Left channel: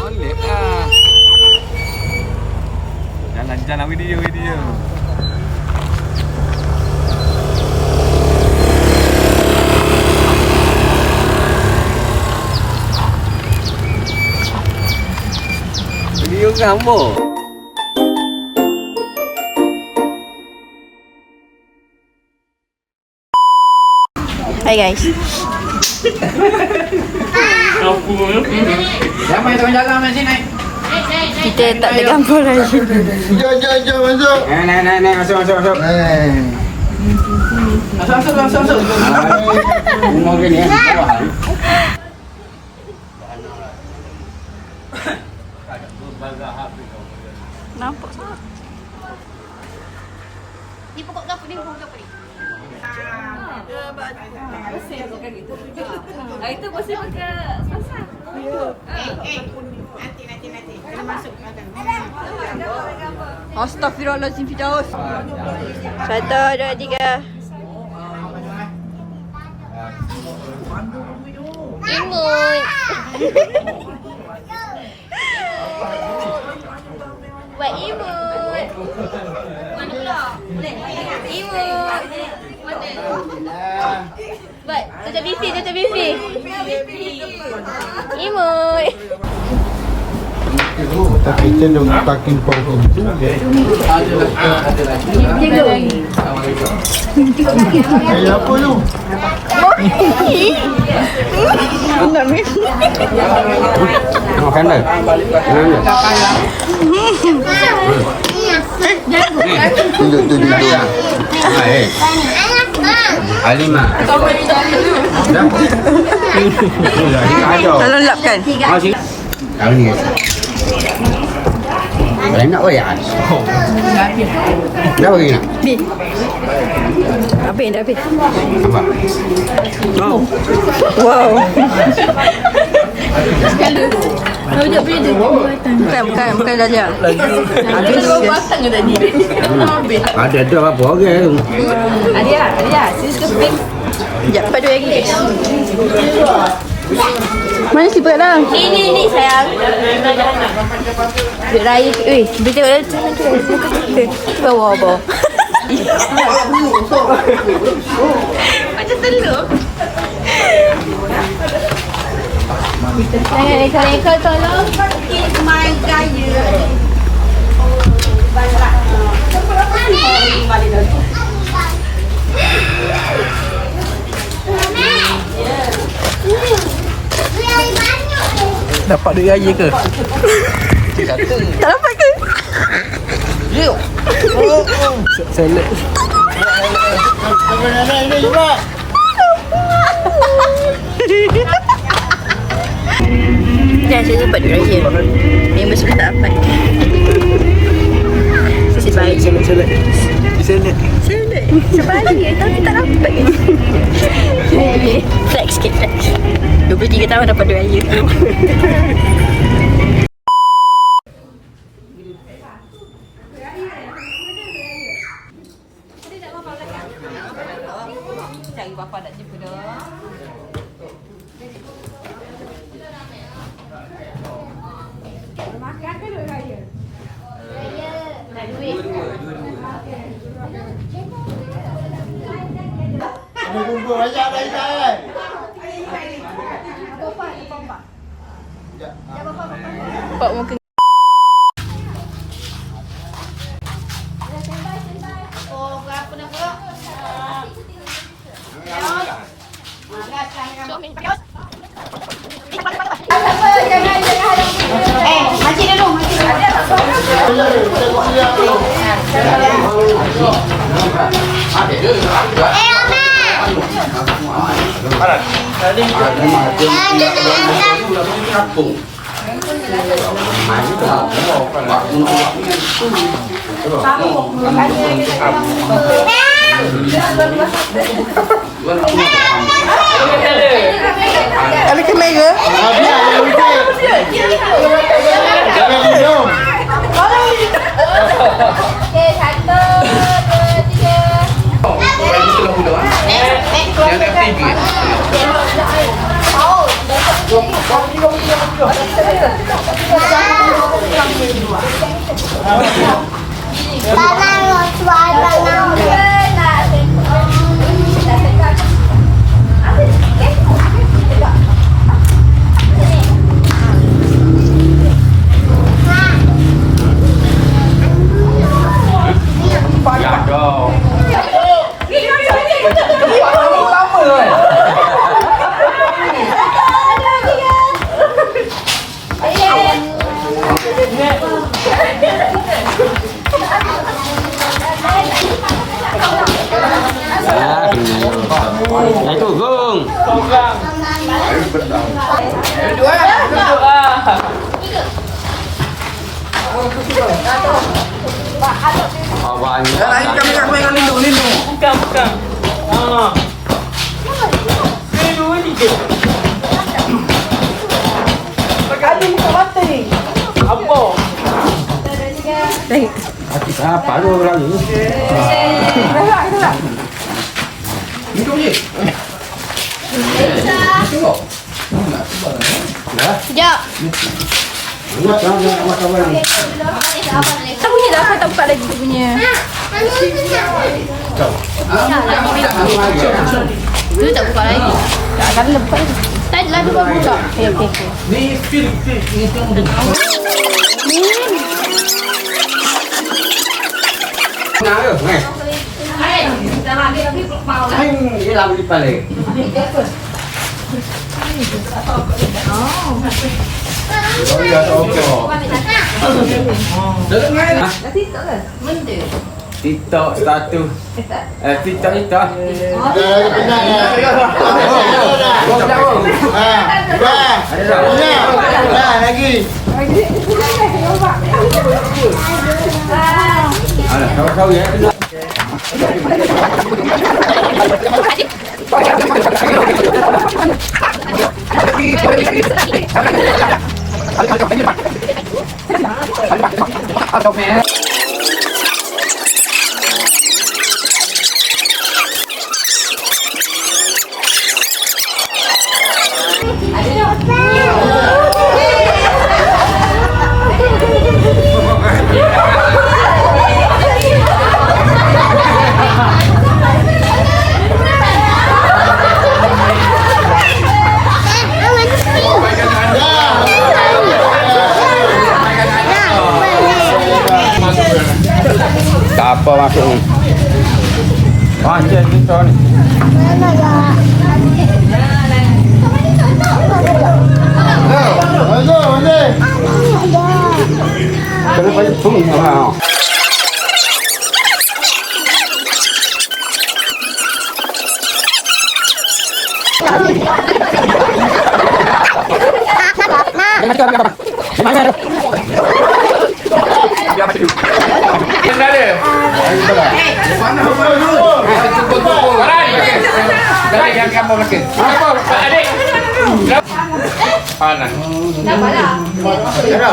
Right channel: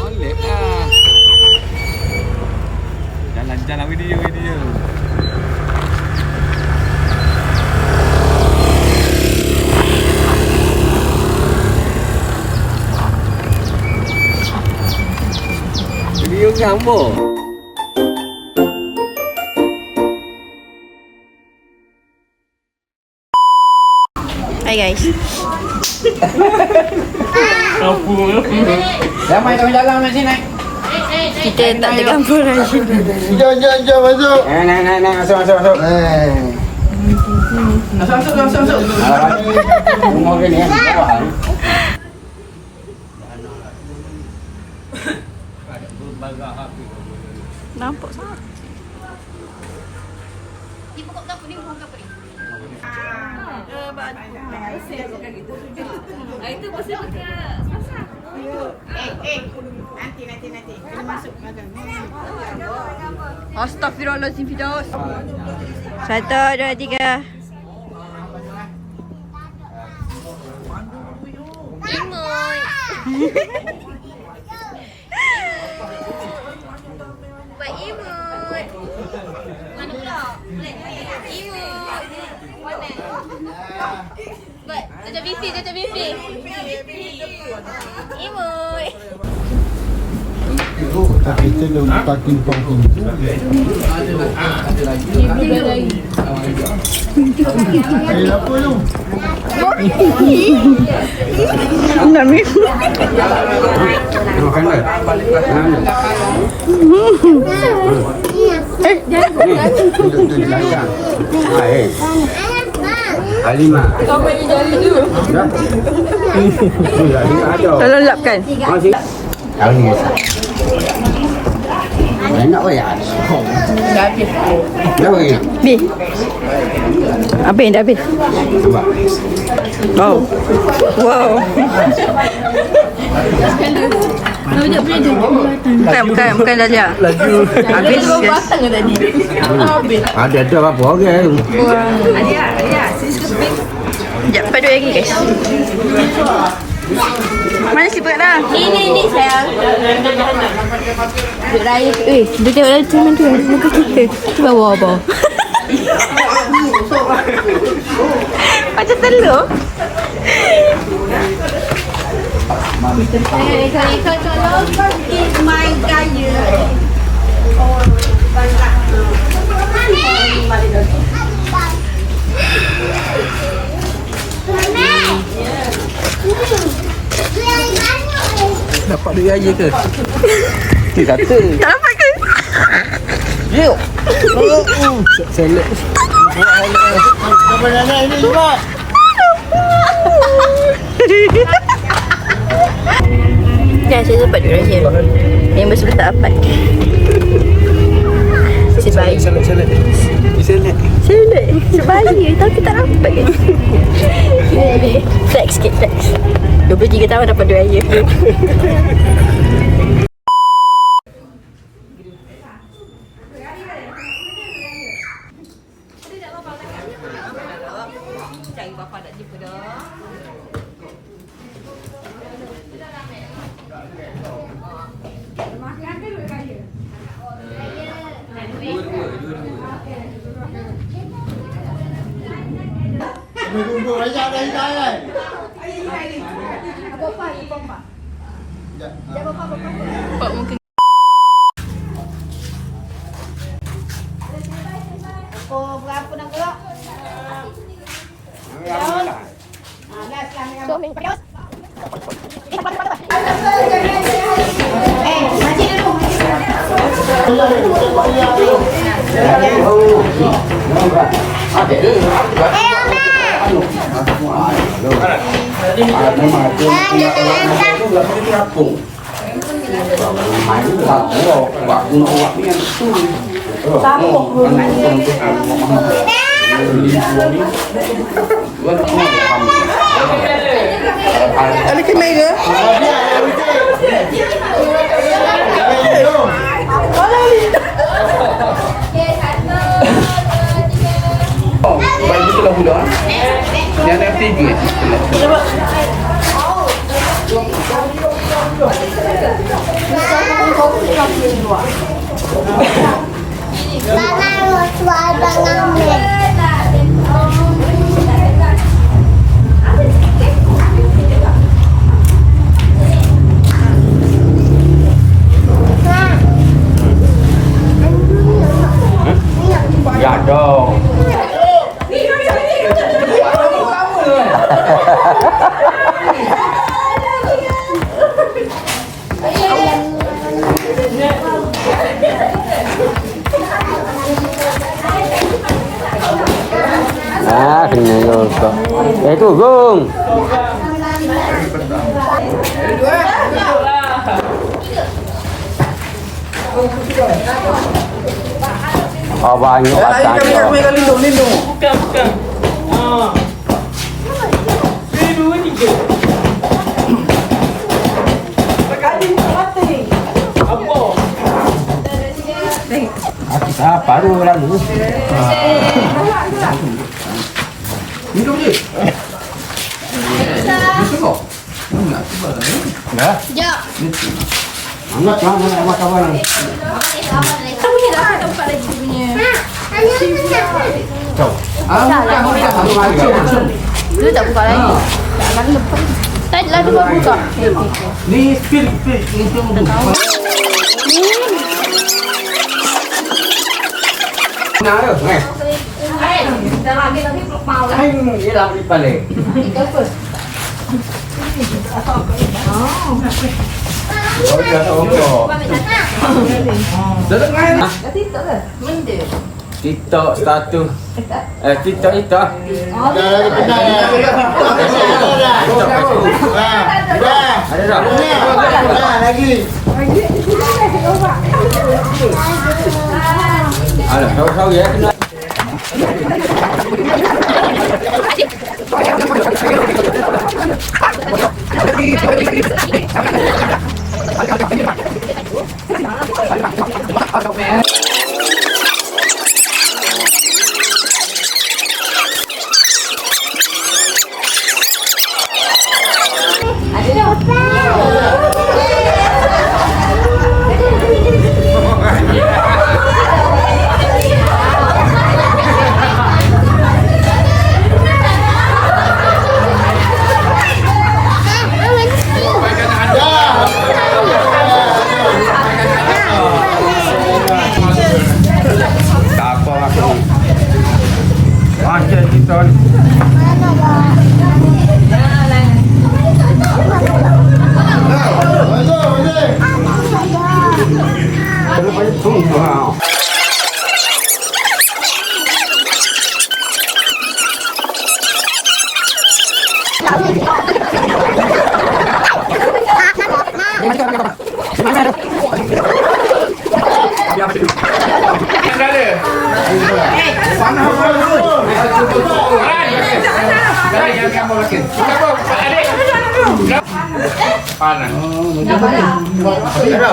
Molek lah. Jalan-jalan video. Video gambar. Hai guys. Ramai kau jaga kat sini. Kita tak ada gambar lagi. Jom masuk. Naik masuk. Masuk. Rumah ni. Nampak sangat. Ni pokok dapur ni. Itu pasti pakai sepasang. Nanti. Kena masuk makan. Astaghfirullahaladzim Firdaus. 1, 2, 3. Imut. Buat imut. Mana pula? Imut. Buat tutup bifi. Imut. Tapi cenderung pakai parking tu. Apa tu? Makan dah. Alima. Tolong lapkan. Tahu ni. Enak weh. Dah habis. Apa yang dah habis? Wow. Bukan Dahlia. Habis. Ada apa orang? Sekejap, padu lagi guys. Mana siput lah? Ni sayang. Duduk raya tu. Dia tengok dia tu. Bawah tu. Macam telur. Ekor tolong pergi main gaya. Dapat duit raya ke? Tak dapat ke? Selek. Ya, saya dapat duit raya. Member sudah tak dapat. Sebalik. Selek. Sebalik. Tapi tak dapat. Flex sikit, flex. 23 tahun dapat duit raya. Cari bapa nak jumpa dah. Makan ke duit raya? Dua-dua. Ada kumpul banyak dari tangan. Pak mungkin. Makcik dulu. Ada kamera? Jangan tinggi. Ya dong. Ah, kena lupa. Itu Gung. Oh, banyak patah. Bukan. Ah. Ini dua tiga. Apa? Ah, baru lagi. Ya. Enggak apa ni. Kamu ni dah tak buka lagi dia punya. Dulu tak buka lagi. Tak akan buka lagi. Tadi lah dia baru buka. Okay. Ni fil. Dah tahu. Nak ke? Hai, dia làm đi balik. Oh ya, toko. Dalam mana? TikTok status. TikTok itu. Dah lagi penat ya. Dah lagi. Alah, kau ya. Apa maksudnya?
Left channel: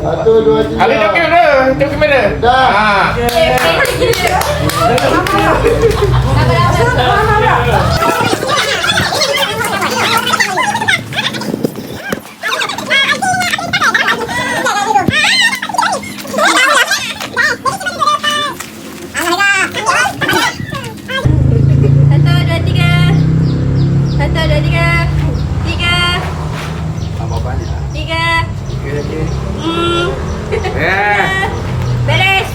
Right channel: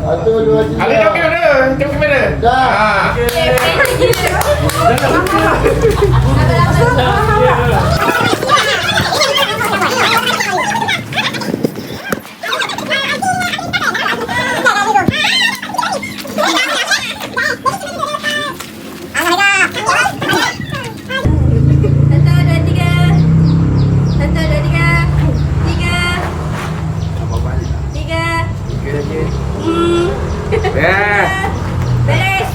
Satu, dua, tiga. Tengok kamera. Dah. Beres.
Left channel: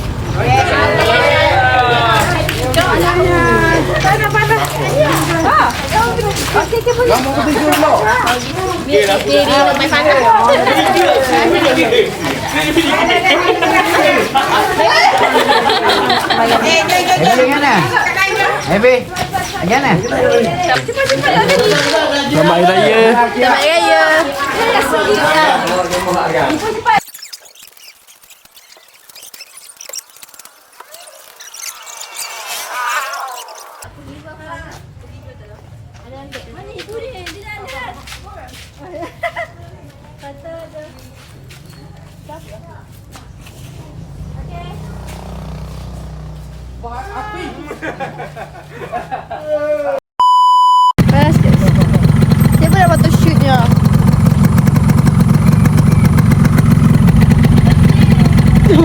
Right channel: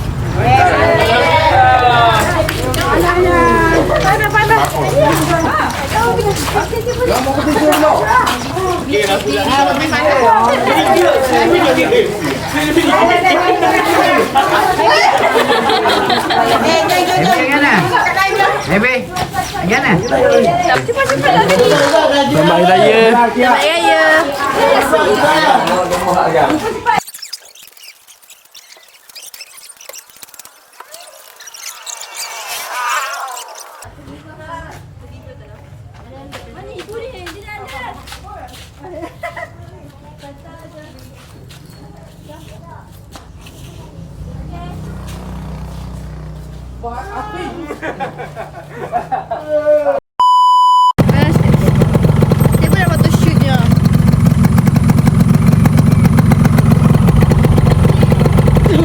Cepat-cepat lah tadi. Selamat Hari Raya. Selamat Hari Raya. Mana itu dia? Dia ada. Kata ada. Siapa nak patut shootnya?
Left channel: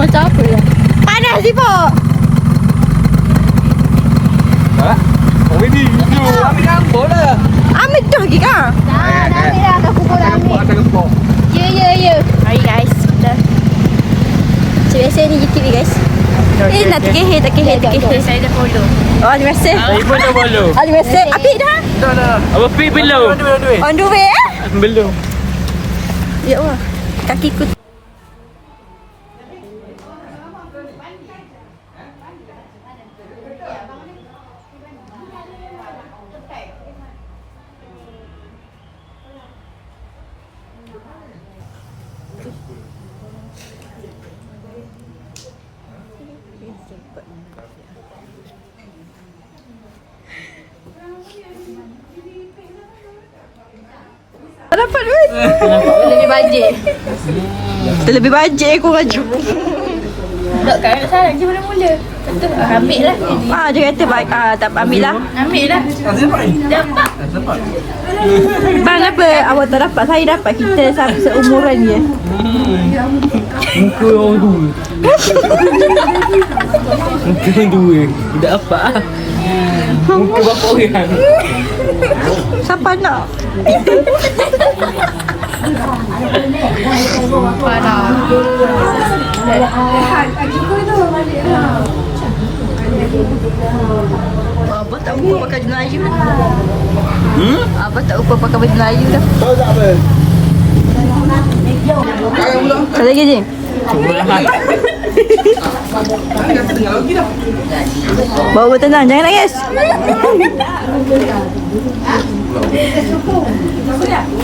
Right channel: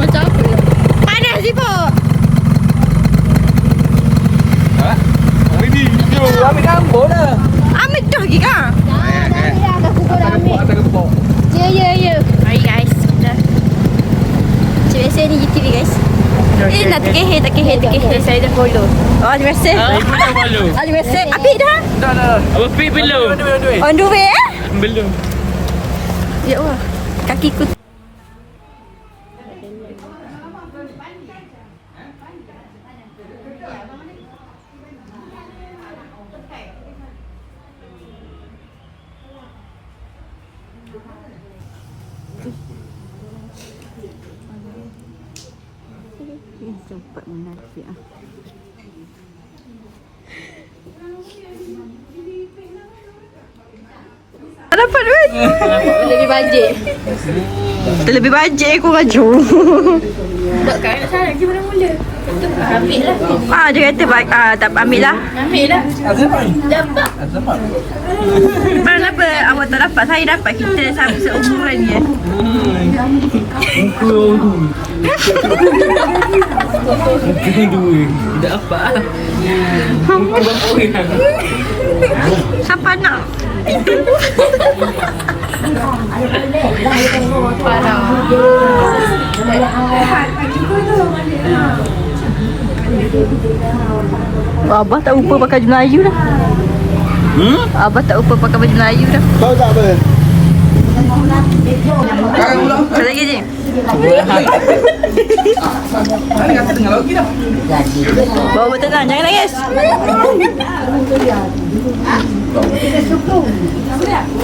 Macam apa ya? Panas sih Pak. Ha? Oh ini video. Ambil gambar lah. Ambil dah lagi kah? Dah ambil dah. Dah kubur dah ambil. Ya. Mari guys. Dah. Macam biasa ni GTV guys. Nak terkehir. Saya dah follow. Oh, terima kasih. Belum. Terima kasih. Apik dah? Dah. Apa pi belum? On the way eh? Belum. Ya Allah. Kakiku. Sempat menasih ah. Dapat duit. Lebih bajet. Lebih bajet aku raju. Tak kan saya je mula-mula. Ambil lah. Dia kata tak ambil lah. Ambil lah. Dapat. Bang apa awak tak dapat, saya dapat, kita seumuran je. Muka orang dua. Tidak apa. Muka bapa orang. Siapa nak? Parah. Abah tak lupa pakai baju Melayu dah. Abah tak lupa pakai baju Melayu dah. Kau tak apa? Ada lagi je? Cuma Bawa tenang, jangan nangis.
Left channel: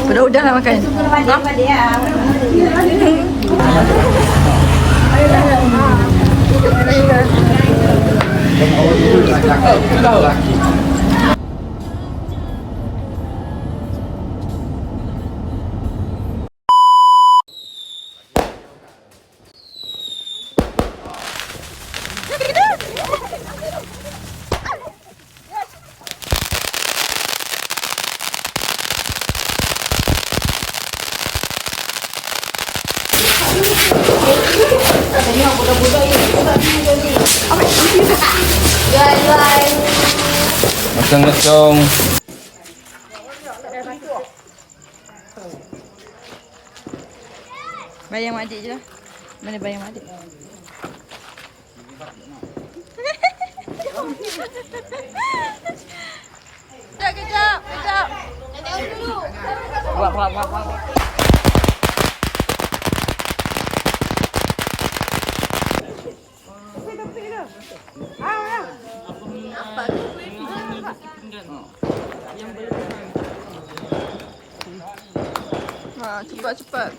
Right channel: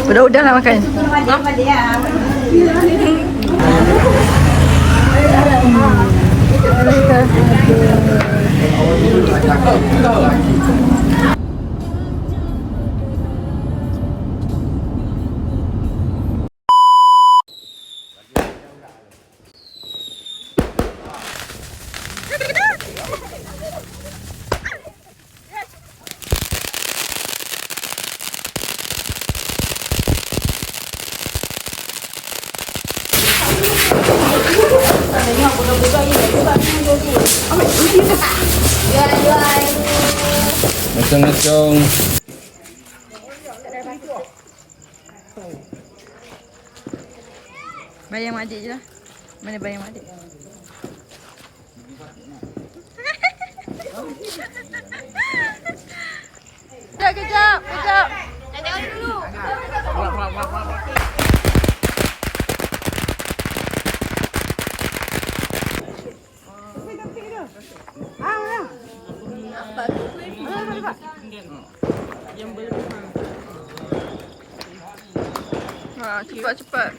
Udah lah makan. Ngecong. Bayang mak adik je lah. Mana bayang mak adik? Kejap. Tengok dulu. Apa tu? Cepat.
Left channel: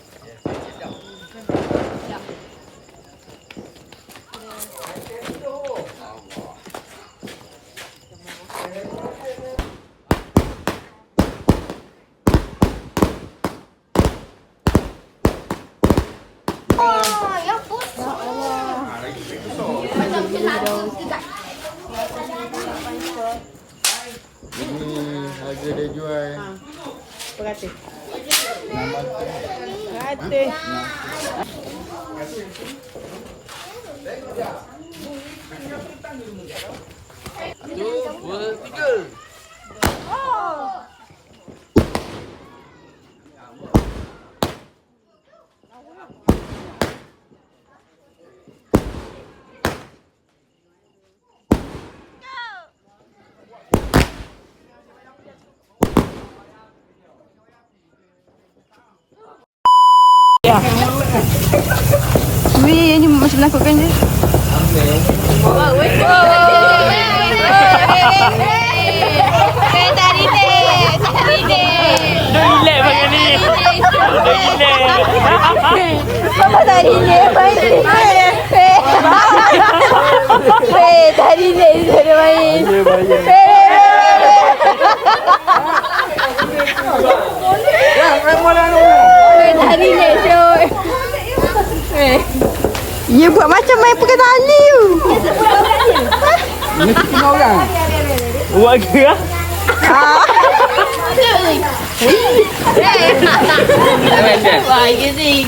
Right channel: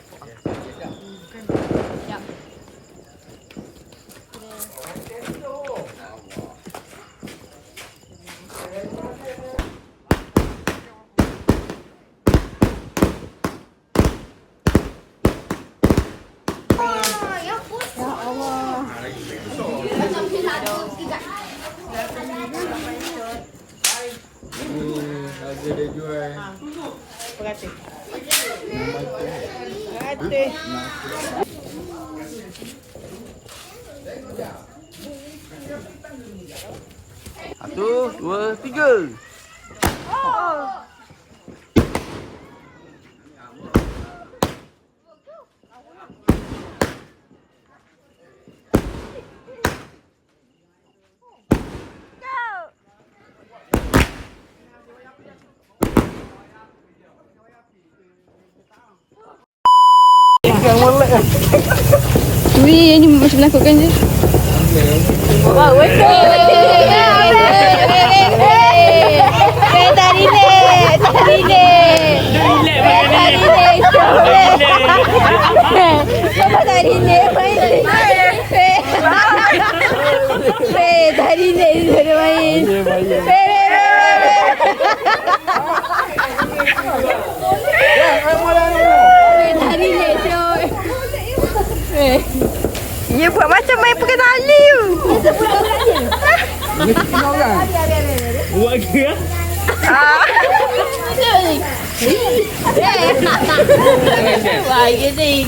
Harga dia jual. Berapa? 1, 2, 3. Wih, ini macam menakutkannya. Wah, Tadi relax Syul. Dia buat macam main pegang tali tu. Dia sebulan-bulan je. Buat ke lah? Wah, Azing.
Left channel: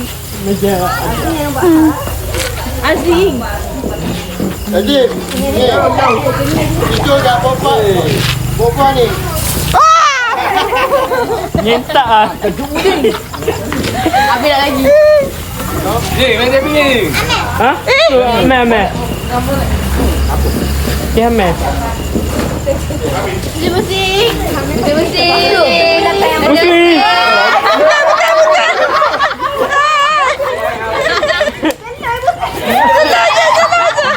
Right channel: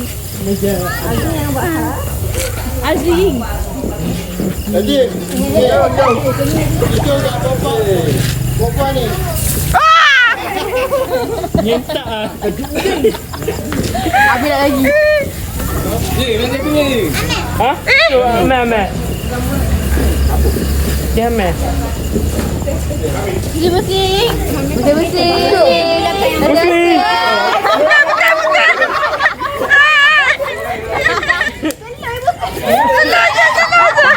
Azing. Jadi, ni orang jauh. Itu dah perempuan ni. Nyentak lah. Ambil lagi. Main dia punya. Ha? Amel. Dia Amel. Dia bersih. Dia bersih. Bersih.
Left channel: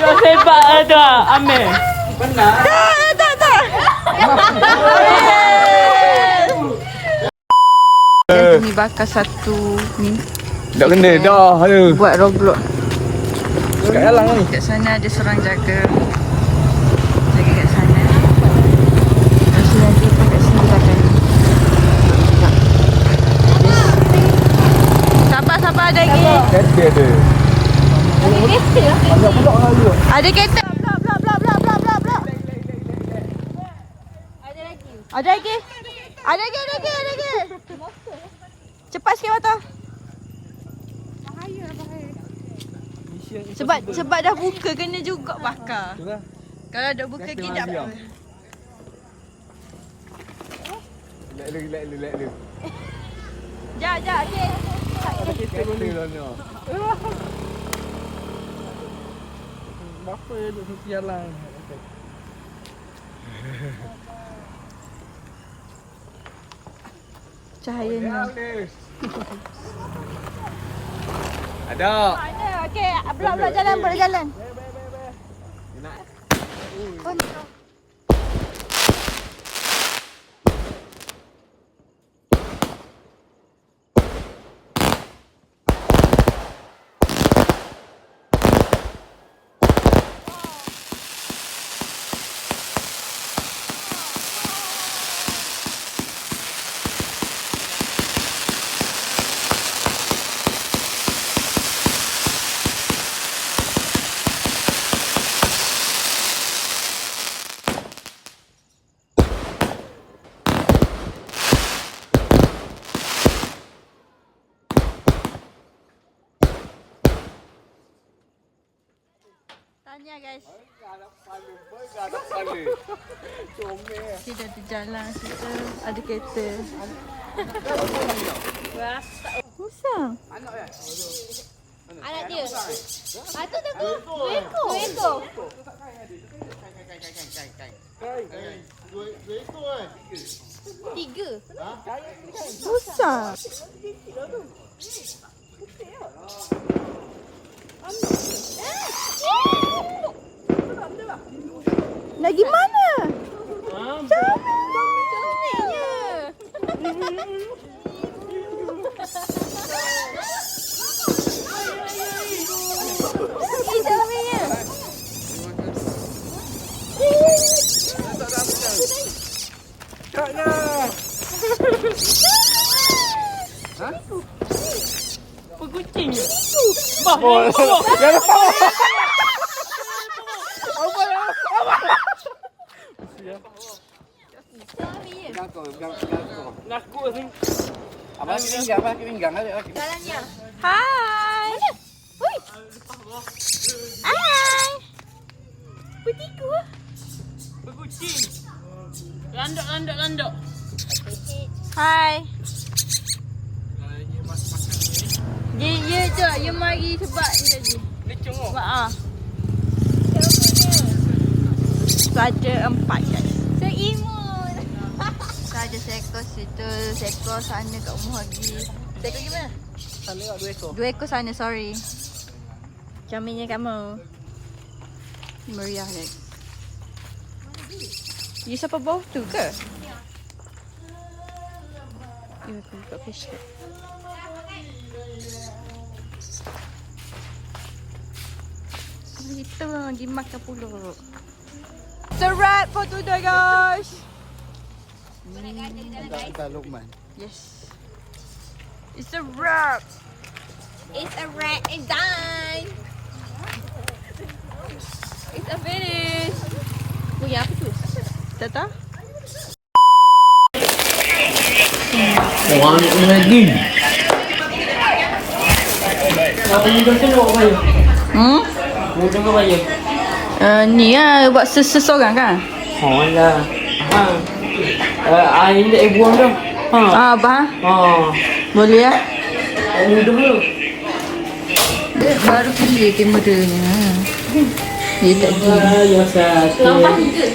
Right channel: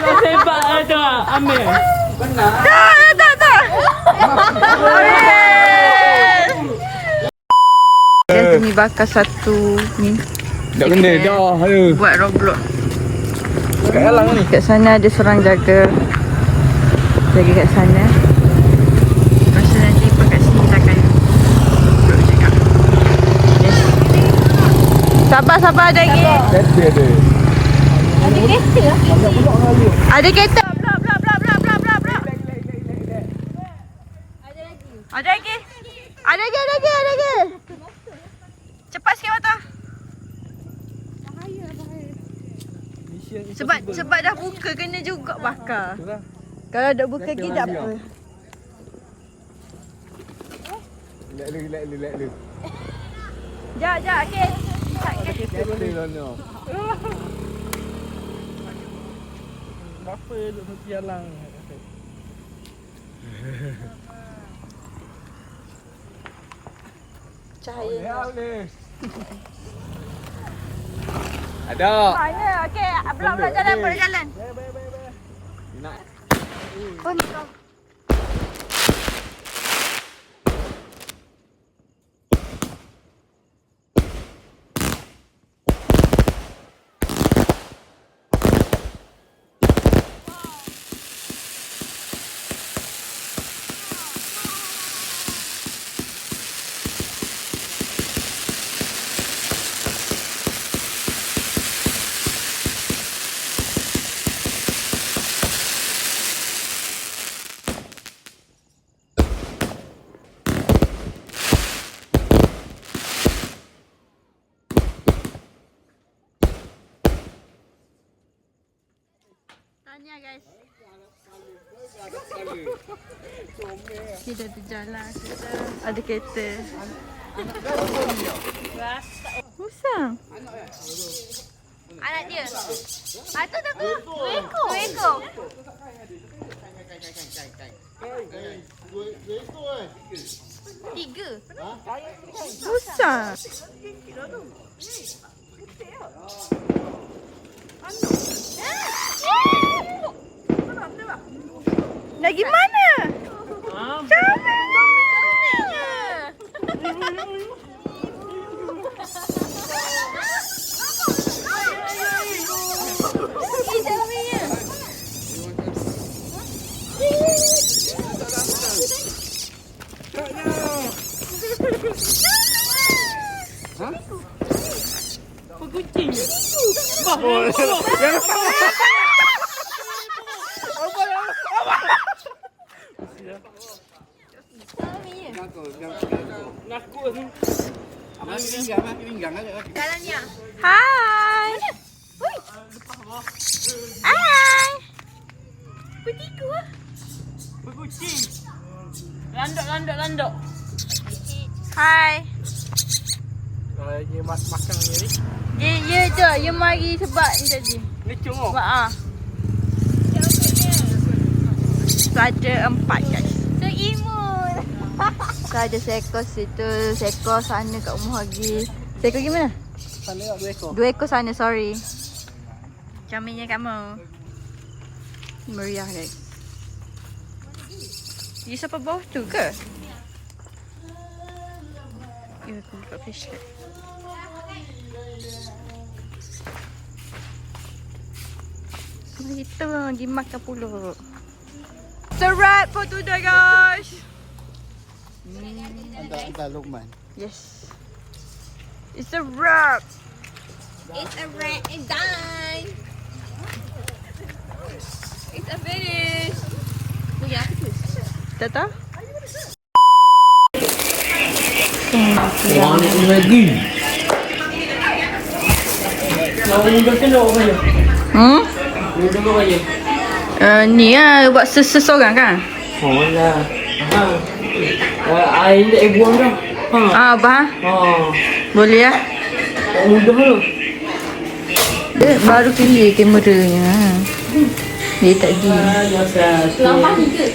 Dah sebat ada Amel. Ni bakar satu ni Tak kena dah. Aduh. buat Roblox. Kat sana ada seorang jaga kat sana. Lepas tu nanti kat sini kita akan duduk juga. Yes. Sabar ada lagi. Kereta ada. Ada kereta lah. Ada kereta. Blok. Ada lagi. Ada lagi. Cepat sikit Mata. Sebab dah buka kena juga bakar. Kalau dah buka lagi tak apa. Relax lu. Jap, okey. Kereta lah ni. Berapa duduk di jalan? Cahayanya. Ada. Mana? Okey, blok jalan, boleh jalan. Oh, ni kau. Tanya guys. Kita di jalan kita ada kereta. Musang. Anak dia. Satu tak ke? Dua ekor. Tiga. Musang. Lagi mana? Kucing. Bah. Abang pinggang ada. Hai. Hui. Hai. Petiku. Kucing. Landok. Hai. Dia makan ni. Dia tu, dia mari sebab ni tadi. Lecung oh. Sebab Saja 4 guys. Seimun. Saja seekor situ, seekor sana kat rumah lagi. Seekor gimana? 2 ekor sana, sorry. Caminnya kamu. Meriah guys. Dia siapa bawah tu ke? Ya, aku buka flashlight. Kita lagi makan pula. It's a wrap for today guys. Kita Lukman. Yes. It's a wrap. It's a red and done. It's a finish. Punya apa tu? Tak tahu. Orang ni lagi. Apa ni dah tengok apa ya? Ni tengok apa ya? Ni lah buat seseorang kan? Oh lah. Air ni buang dah. Apa? Boleh lah. Mudah lah. Dia baru pilih kameranya. Dia tak gila. Lambat juga.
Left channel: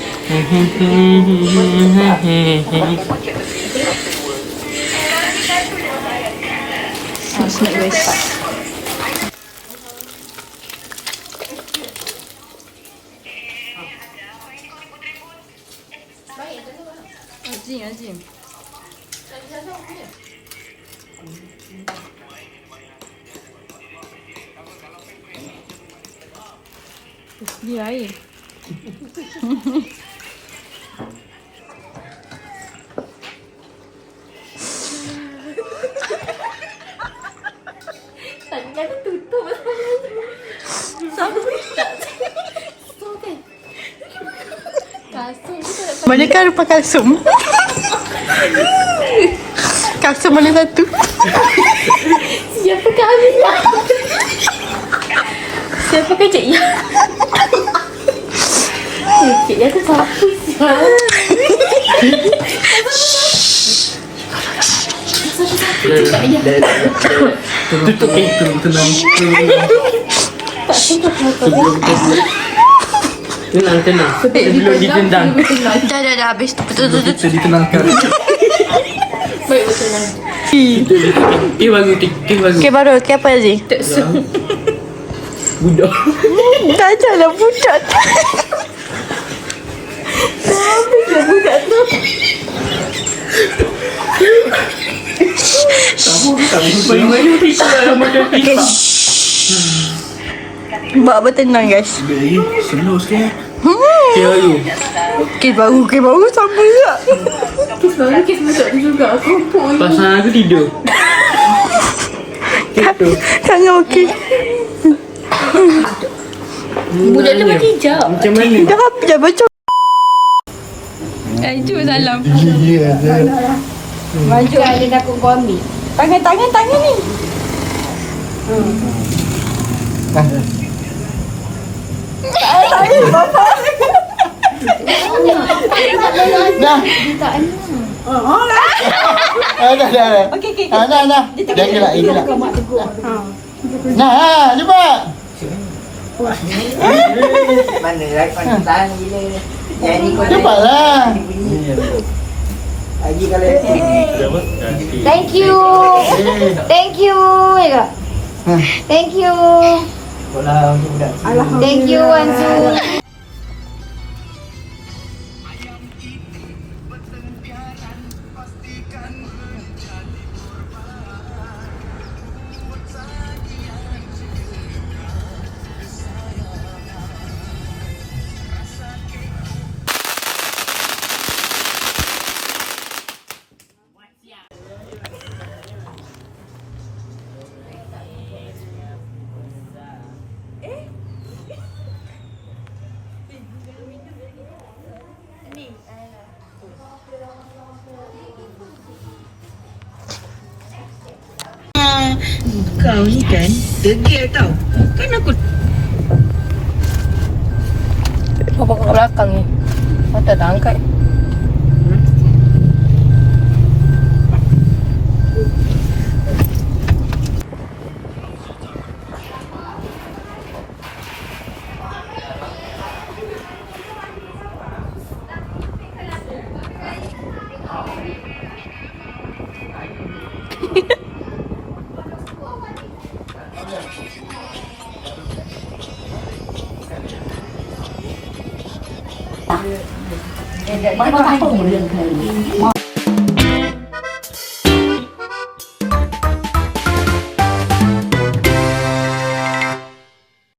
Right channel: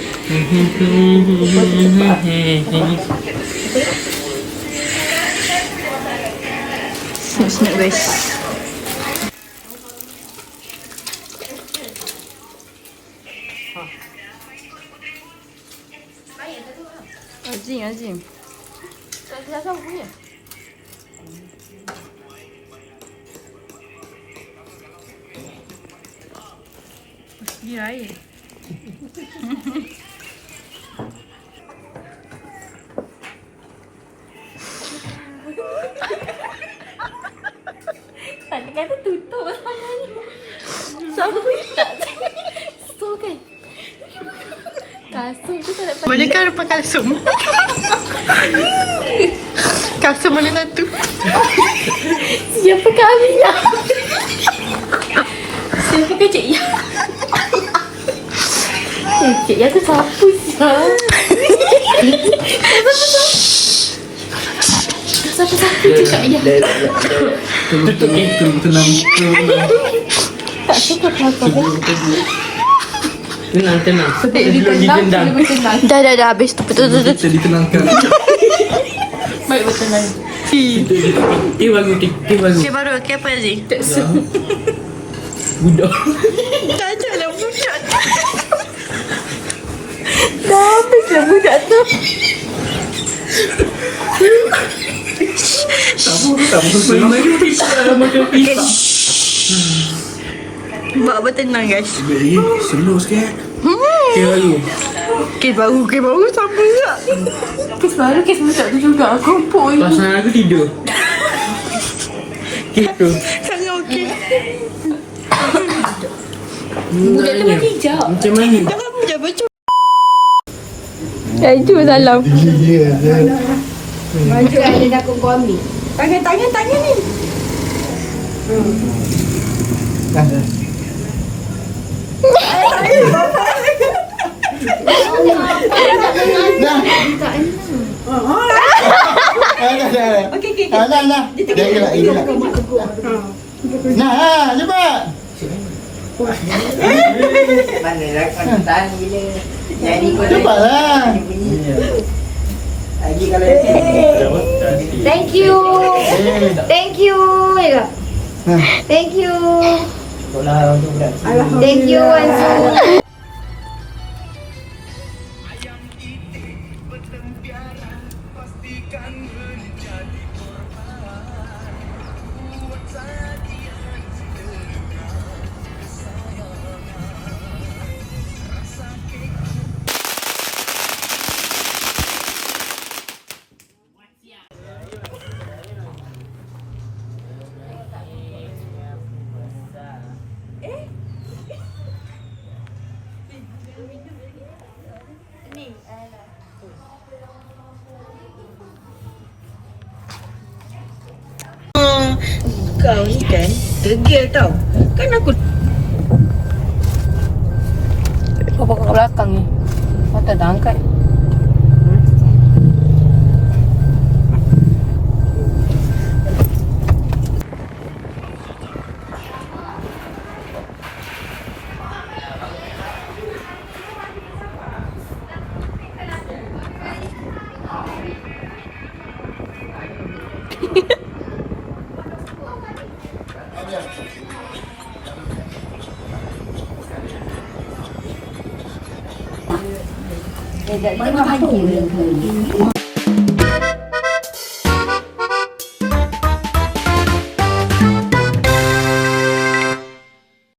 Let's make this. Azim. Dia air. Tadi kata tutup sangat. Siapa? So kan. Kasut tu tak Mana kan rupa kalsum? Kalsum mana satu? siapa kami ya? Siapa kan Cik Ya? Cik Ya tu siapa siapa? Siapa Cik Ya? Tutup tenang. Tenang. Sebelum ditendang. Dah habis tu. Betul. Ditenangkan. Baik betul lah. Bagus. Okay, baru. Okay, apa Azim? Budak. Dah jalan budak. Dah habis budak tu. Buat bertenang guys. Slow sikit. Kes baru sama juga. Kes baru kes budak tu juga. Kumpul je. Perasaan aku tidur. Gitu. Sangat okey. Budak tu mati hijau. Macam mana? Dah apa je macam. Itu salam. Maju aja dah aku ambil. Tangan ni. Dah. Dah. Okey. Nah. Jangan ini lah. Nah, cepat. Mana lah pantan gila. Jadi kau Cepatlah. lagi kalau Thank you. Thank you. Thank you. Thank you Wansu. Kau ni kan degil tau. Kan aku Apa kat belakang ni? Kau tak dah angkat. Mana